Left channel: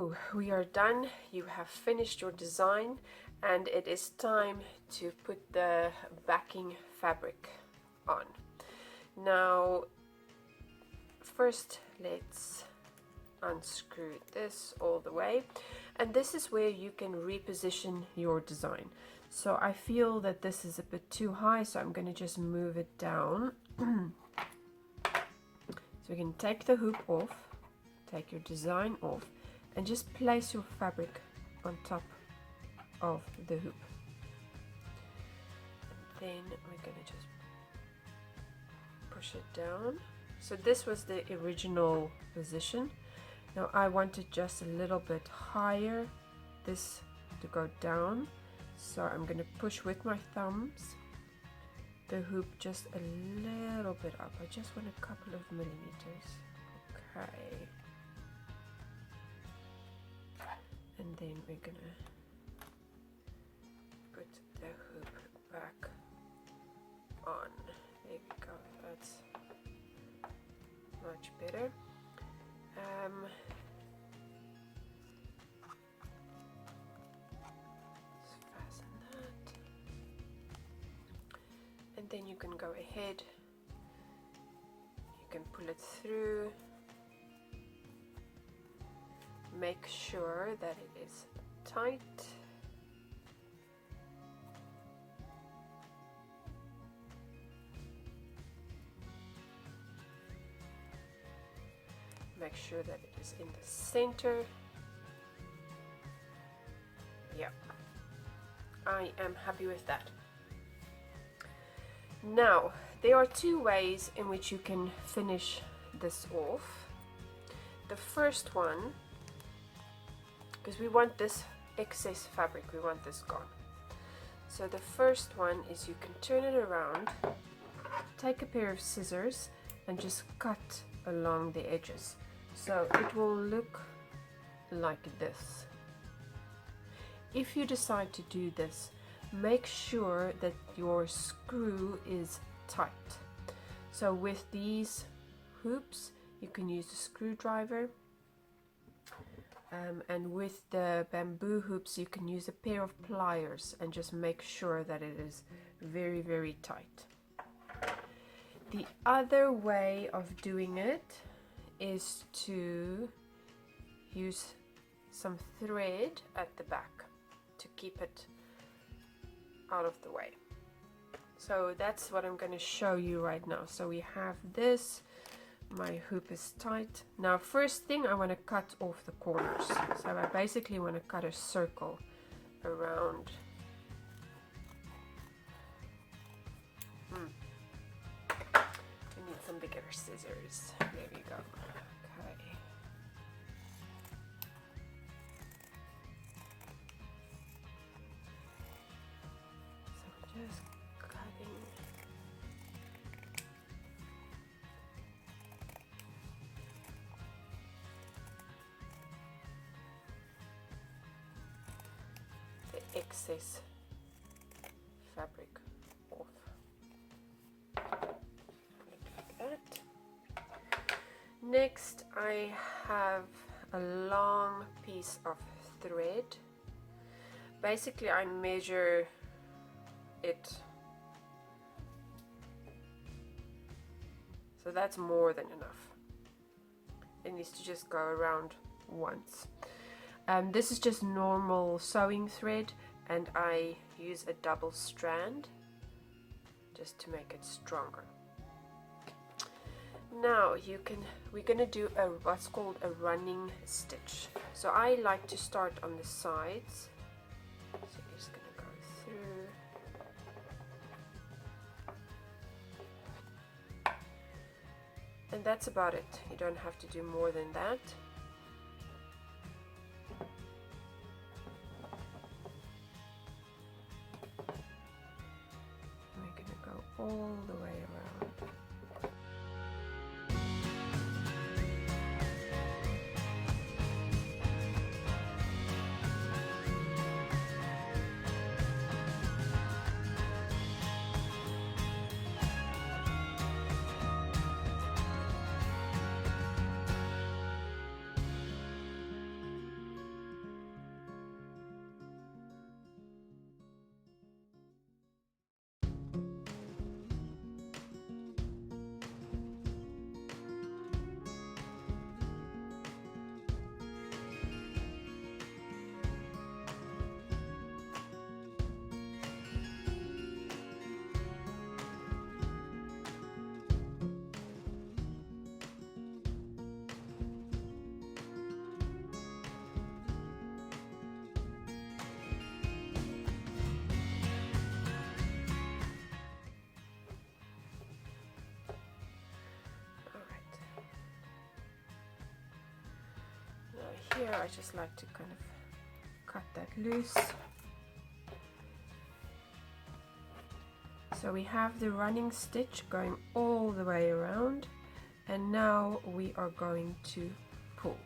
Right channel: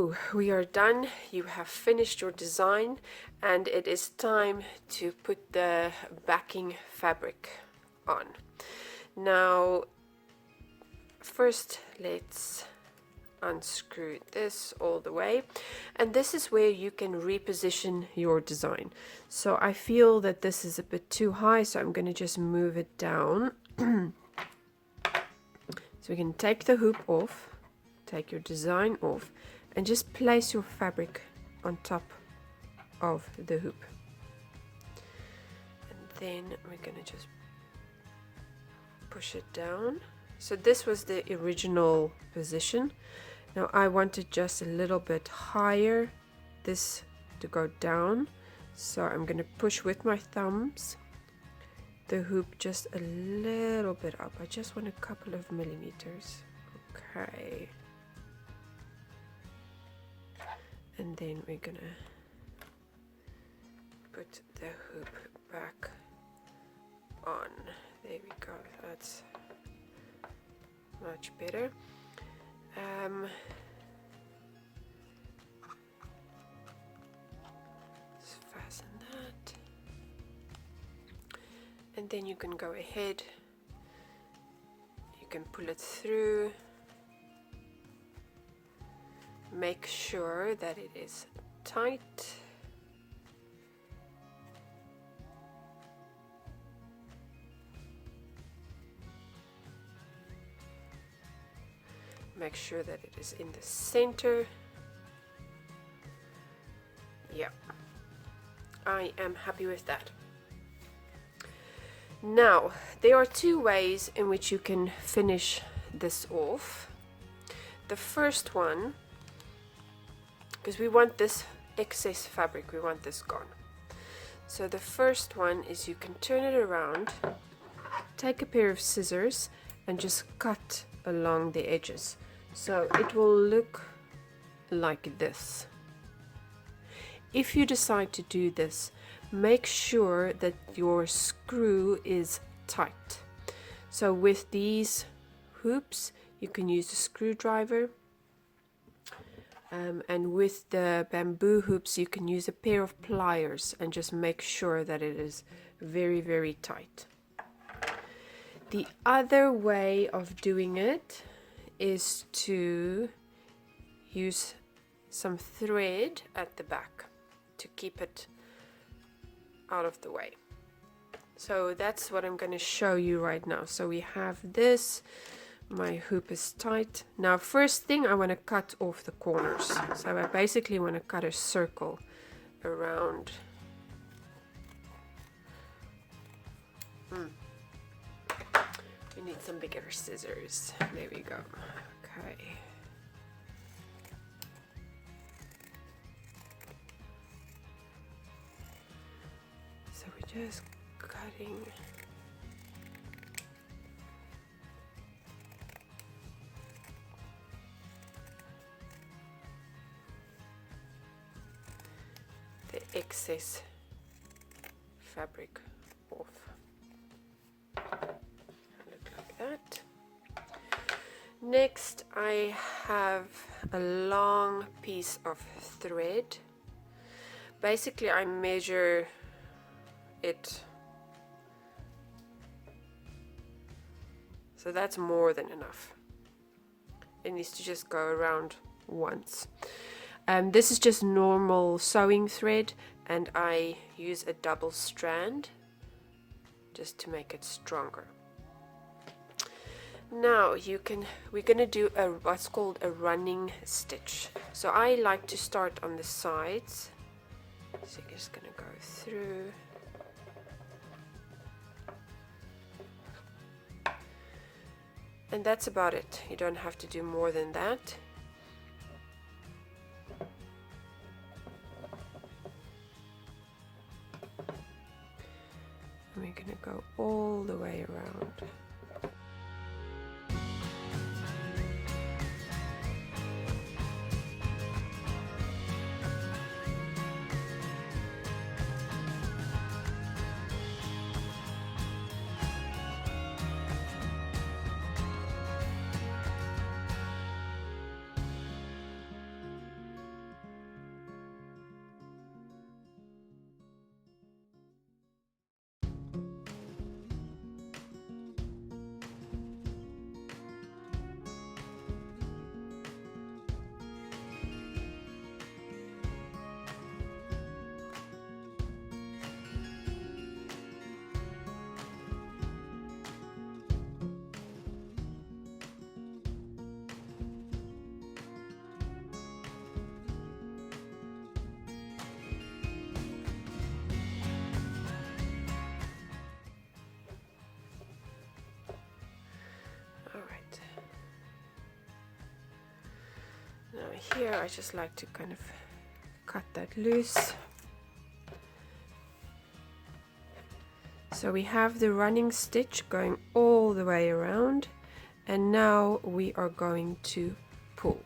So we are done. You have finished your design, and it is time to put the backing fabric on. Now, first let's unscrew this all the way, and this is where you can reposition your design. So I feel that this is a bit too high, so I'm going to just move it down. So we can take the hoop off, take your design off, and just place your fabric on top of the hoop. And then we're going to just push it down. So this was the original position. Now I want it just a little bit higher, this to go down. So I'm going to push with my thumbs the hoop just a little bit up. I just want a couple of millimeters. Okay. And then we're going to put the hoop back on. There we go. That's much better. Let's fasten that, and then you can go ahead, you can pull it through, make sure that it is tight. Make sure that it is in the center. Yeah, I am happy with that. Now, there are two ways in which you can finish this off. The first one, because we want this excess fabric, we want this gone. So the first one is you can turn it around, take a pair of scissors, and just cut along the edges. So it will look like this. If you decide to do this, make sure that your screw is tight. So with these hoops, you can use a screwdriver, and with the bamboo hoops, you can use a pair of pliers and just make sure that it is very, very tight. The other way of doing it is to use some thread at the back to keep it out of the way. So that's what I'm going to show you right now. So we have this, my hoop is tight. Now first thing, I want to cut off the corners. So I basically want to cut a circle around. We need some bigger scissors. There we go. Okay. So we're just cutting. The excess fabric off. Like that. Next, I have a long piece of thread. Basically, I measure it. So that's more than enough. It needs to just go around once. This is just normal sewing thread, and I use a double strand just to make it stronger. Now we're gonna do what's called a running stitch. So I like to start on the sides. So you're just gonna go through. And that's about it. You don't have to do more than that. And we're gonna go all the way around. here, I just like to kind of cut that loose. So we have the running stitch going all the way around, and now we are going to pull.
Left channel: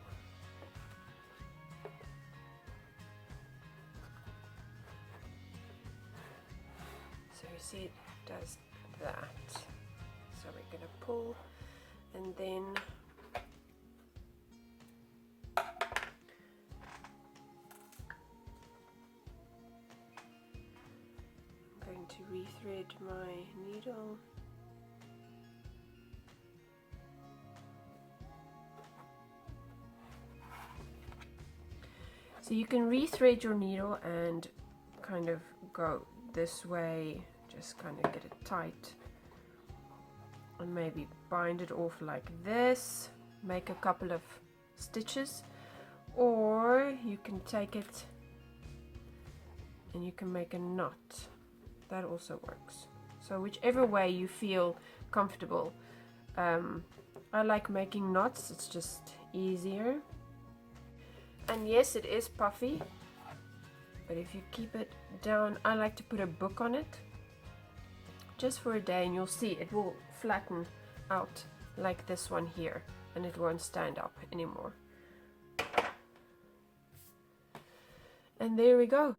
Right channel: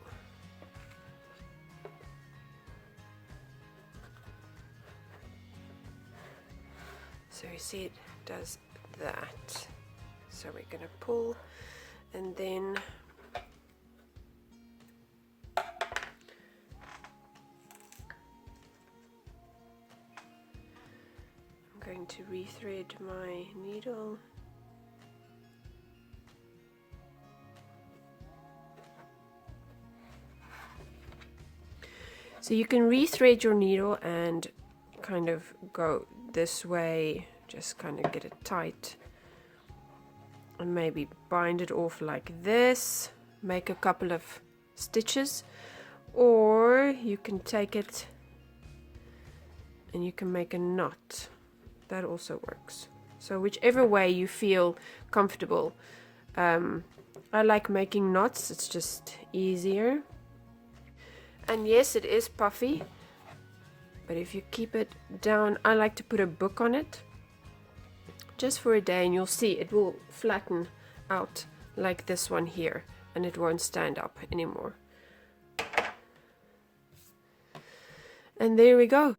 So you see it does that. So we're going to pull, and then I'm going to rethread my needle. So you can rethread your needle and kind of go this way, just kind of get it tight, and maybe bind it off like this, make a couple of stitches, or you can take it and you can make a knot. That also works. So whichever way you feel comfortable. I like making knots, it's just easier. And yes, it is puffy, but if you keep it down, I like to put a book on it just for a day, and you'll see it will flatten out like this one here, and it won't stand up anymore. And there we go.